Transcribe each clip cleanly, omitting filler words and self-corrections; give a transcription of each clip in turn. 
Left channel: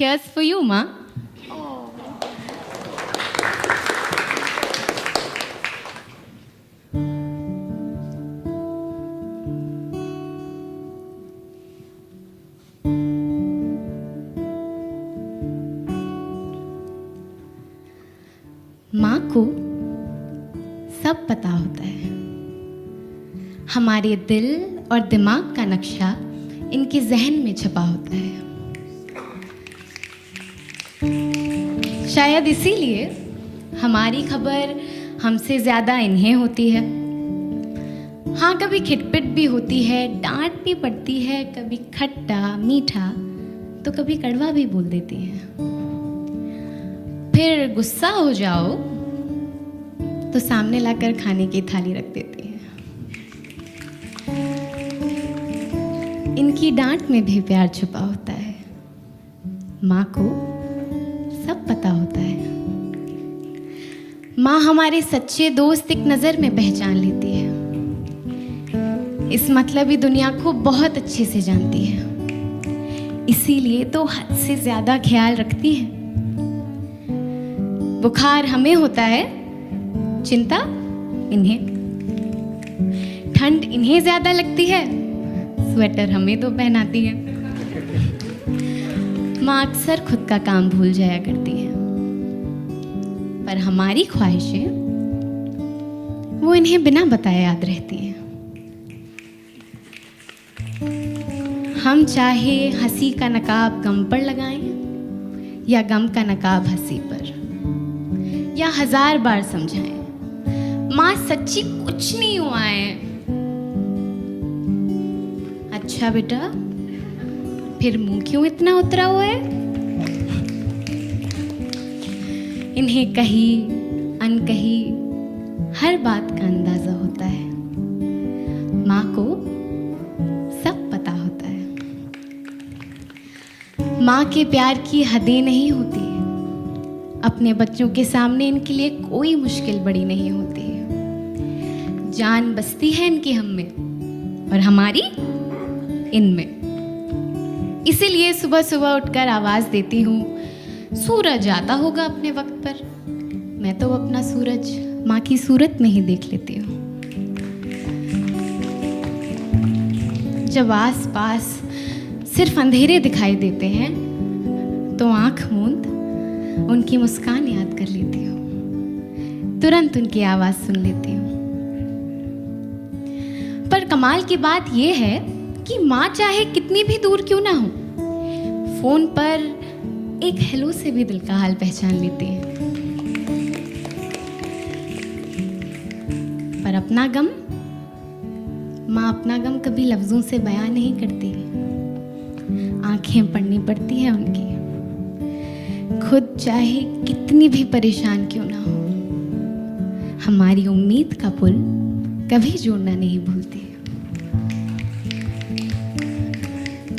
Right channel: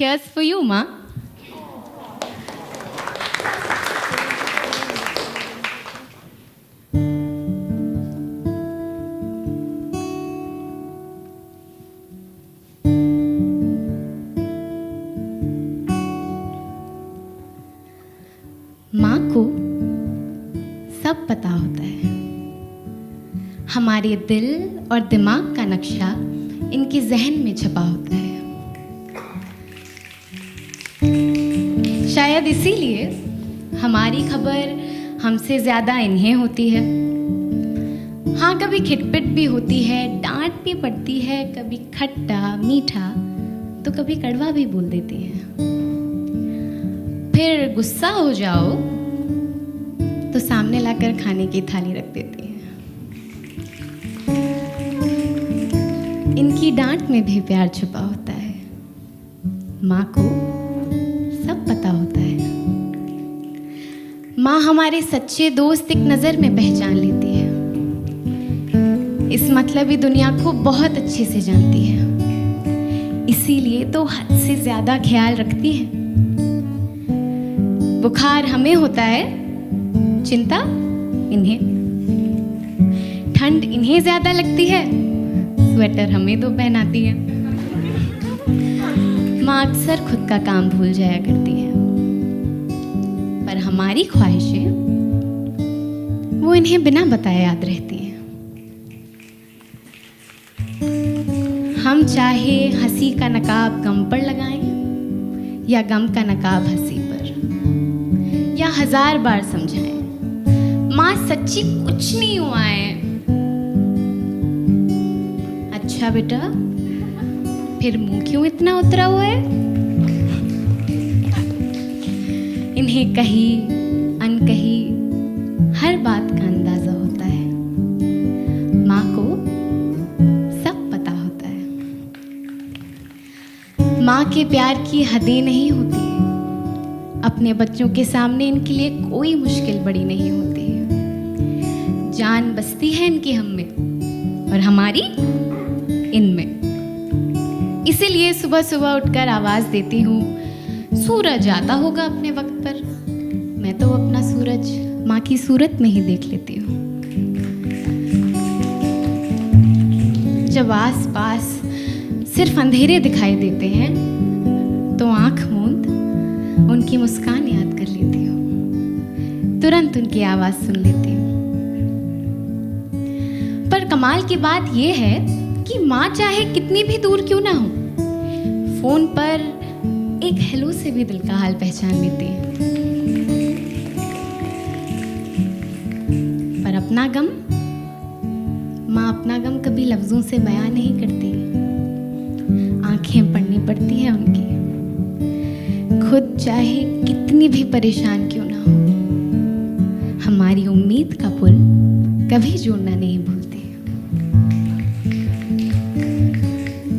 Here's for you, Ma. माँ को सब पता होता है। हमारे दिल और दिमाग का नक्शा इनके जहन में छपा होता है। शायद इसीलिए हमारी खबर हमसे ज़्यादा इन्हें होती है। हाँ, कभी खिटपिट भी होती है, डांट भी पड़ती है, कभी खट्टा मीठा तो कभी कड़वा भी बोल देती है। फिर गुस्सा हो जाओ तो सामने लाकर खाने की थाली रख देती है। इनकी डांट में भी प्यार छुपा होता है। माँ को सब पता होता है। माँ हमारे सच्चे दोस्त एक नज़र में पहचान लेती है। इस मतलबी दुनिया को बहुत अच्छे से जानती है, इसीलिए तो हद से ज़्यादा ख्याल रखती है। बुखार हमें होता है, चिंता इन्हें। ठंड इन्हें ज़्यादा लगती है, स्वेटर हमें तो पहनाती है। माँ अक्सर खुद का काम भूल जाया करती है, पर हमारी ख्वाहिशें वो इन्हें बिना बताए याद रहती हैं। हम चाहे हंसी का नकाब गम पर लगाएं या गम का नकाब हंसी पर, या 1000 बार समझाएं, माँ सच्ची कुछ नहीं हुआ है। अच्छा बेटा, फिर मुंह क्यों इतना उतरा हुआ है? इन्हें कही अनकही हर बात का अंदाजा होता है। माँ को सब पता होता है। माँ के प्यार की हदें नहीं होती। अपने बच्चों के सामने इनके लिए कोई मुश्किल बड़ी नहीं होती। जान बसती है इनकी हम में और हमारी इनमें। इसीलिए सुबह सुबह उठकर आवाज देती हूँ, सूरज आता होगा अपने वक्त पर। मैं तो अपना सूरज माँ की सूरत में ही देख लेती हूँ। जब आस पास सिर्फ अंधेरे दिखाई देते हैं तो आंख मूंद उनकी मुस्कान याद कर लेती हूँ। तुरंत उनकी आवाज सुन लेती हूँ। पर कमाल की बात यह है कि माँ चाहे कितनी भी दूर क्यों ना हो, फोन पर एक हेलो से भी दिल का हाल पहचान लेती है। पर अपना गम, माँ अपना गम कभी लफ्जों से बयान नहीं करती। आंखें पढ़नी पड़ती है उनकी। खुद चाहे कितनी भी परेशान क्यों ना हो, हमारी उम्मीद का पुल कभी जोड़ना नहीं भूलती।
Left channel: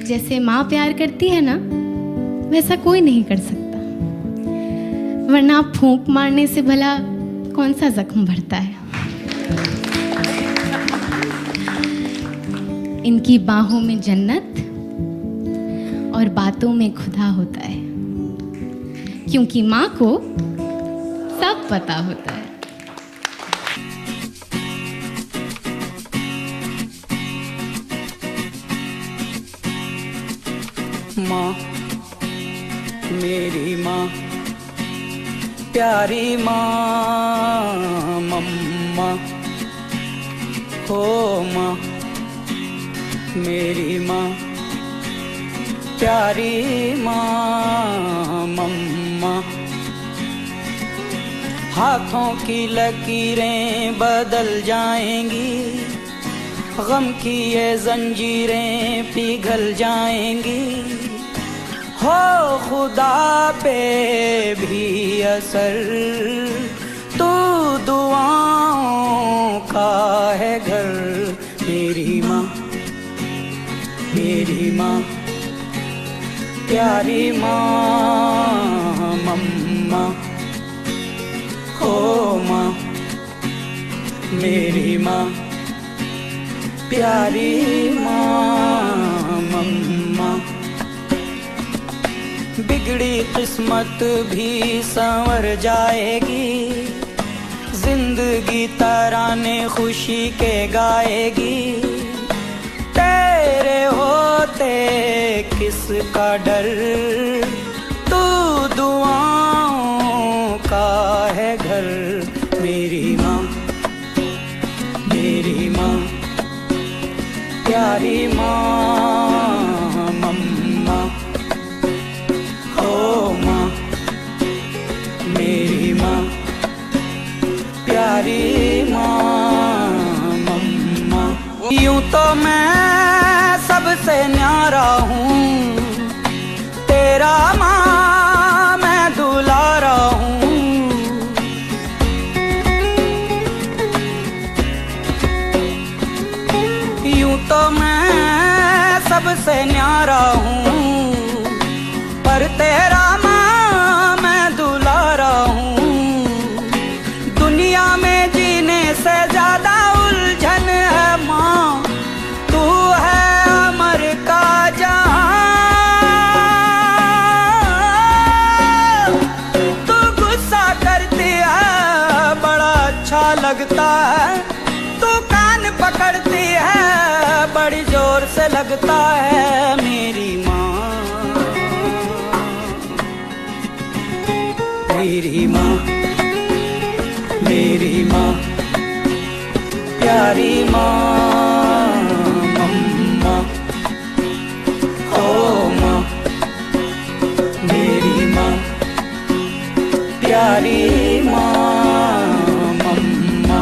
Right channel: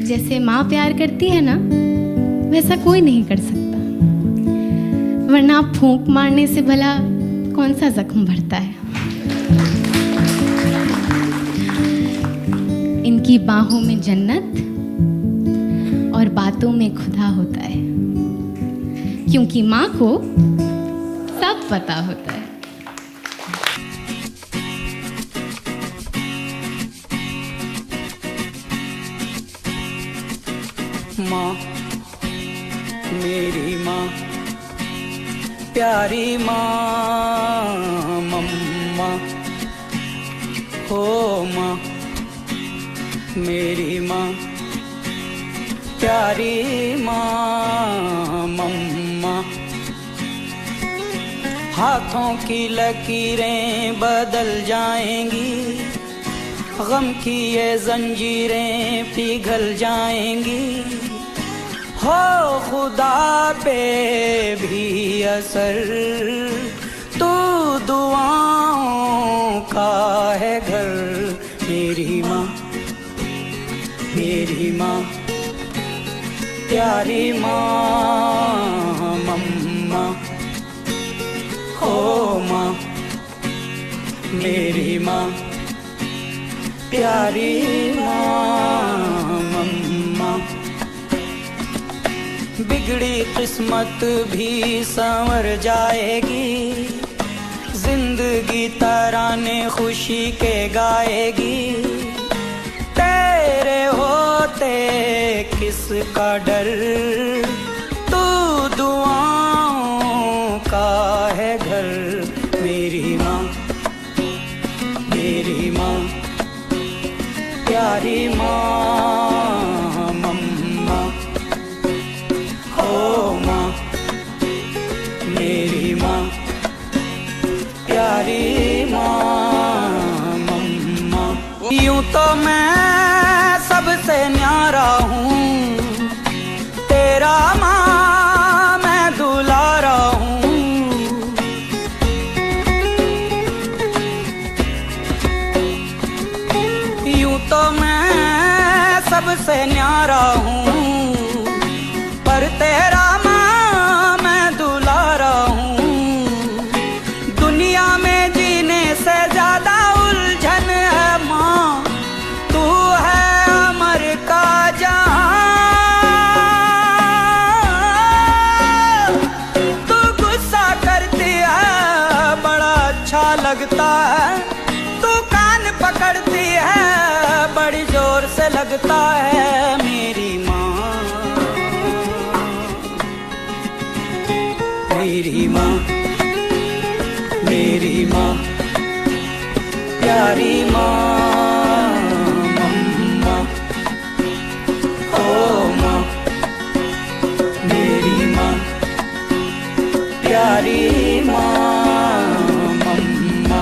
जैसे माँ प्यार करती है ना, वैसा कोई नहीं कर सकता। वरना फूंक मारने से भला कौन सा जख्म भरता है। इनकी बाहों में जन्नत और बातों में खुदा होता है, क्योंकि माँ को सब पता होता है। माँ, मेरी माँ, प्यारी माँ, मम्मा हो माँ, मेरी माँ, प्यारी माँ, मम्मा। हाथों की लकीरें बदल जाएंगी, गम की ये जंजीरें पिघल जाएंगी। हो खुदा पे भी असर, तू दुआओं का है घर। मेरी माँ, मेरी माँ, प्यारी माँ, मम्मा हो माँ, मेरी माँ, प्यारी माँ, मम्मा। बिगड़ बिगड़ी किस्मत भी संवर जाएगी, जिंदगी तराने खुशी के गाएगी। तेरे होते किसका डर, तू दुआओं का है घर। मेरी माँ, मेरी माँ, प्यारी माँ, मम्मा, ओ माँ, मेरी माँ, प्यारी माँ, मम्मा। यूं तो मैं सबसे न्यारा हूँ, तेरा माँ मैं दुलारा हूँ। यूं तो मैं सबसे न्यारा हूँ, पर तेरा माँ मैं दुलारा हूँ। दुनिया में जीने से ज्यादा उलझन है माँ, तू है अमर का जहां। तू गुस्सा करती है बड़ा अच्छा लगता है, तू कान पकड़ती है बड़ी जोर से लगता है। मेरी माँ, मेरी माँ, मेरी माँ, प्यारी माँ, मम्मा, ओ माँ, मेरी माँ, प्यारी माँ, मम्मा।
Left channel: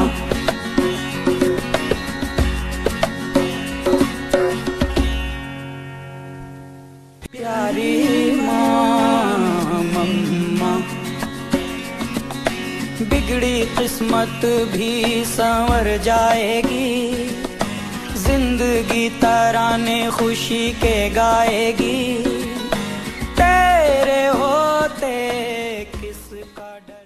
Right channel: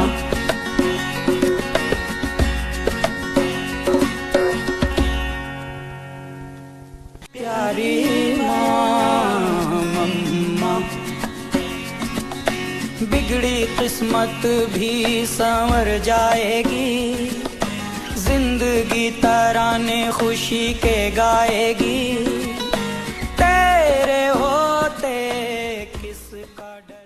प्यारी माँ, मम्मा। बिगड़ी किस्मत भी संवर जाएगी, जिंदगी तराने खुशी के गाएगी। तेरे होते किसका डर।